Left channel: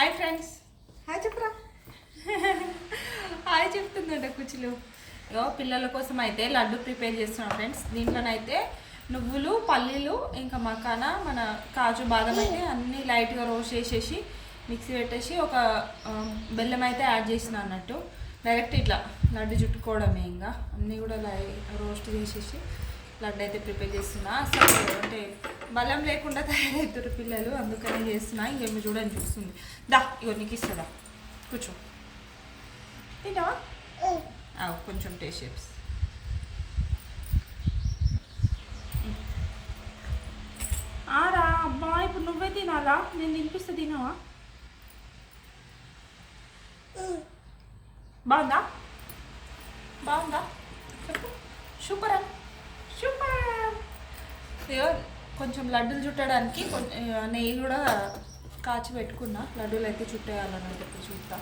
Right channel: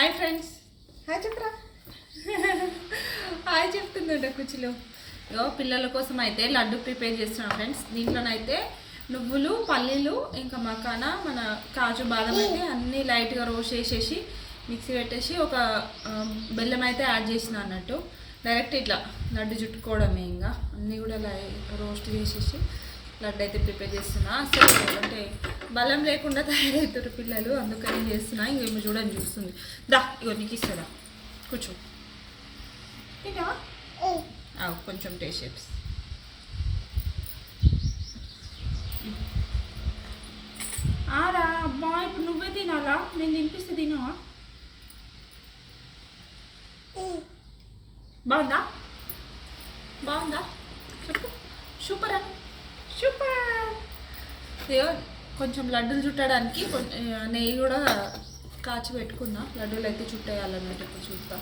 Hi friends. Hi చెప్పరా. Hi చెప్తుందంట కుచ్చులు. ఇగో పిల్లల కోసం అయితే లడ్డు ప్రిపేర్ చేస్తున్నాం ఫ్రెండ్స్. దీంట్లోనైతే నువ్వులు, పల్లీలు, ఇంకా మకానా, మన కాజు, బాదం అయితే అన్నీ లైట్గా రోస్ట్ చేసేసి మిక్సీ పెట్టేసి ఒక బెల్లం అయితే యాడ్ చేసిన అన్నట్టు. డైరెక్ట్ ఇట్లా లడ్డు చుట్టుకోవడమే, ఇంకా అన్నీ కూడా రోస్ట్ చేసేసి లడ్డు అయితే ప్రిపేర్ చేస్తున్నా. అసలు అంటే బలం లేకుండా తయారవుతారు పిల్లలు, అందుకని చేస్తున్నా. ఇంకేమో చూడండి చూస్తుంది. దా ఇగో నీకు ఇస్తుందా, కూర్చో. తింటావా? కొంచెం టేస్ట్ షేప్స్. ఆరా అబ్బా, ఇప్పుడు నువ్వే తినాలా? నేను తినిపిస్తే తినవా? బాగుందా? బాగుందా చెప్పు. సూపర్ అని సూపర్. ఇగో కొంచెం లడ్డూలు చుట్టడానికి నెయ్యి కూడా కాచి పెట్టుకున్నా. లడ్డూలు అయితే చుట్టేయాలన్నట్టు చూద్దాం.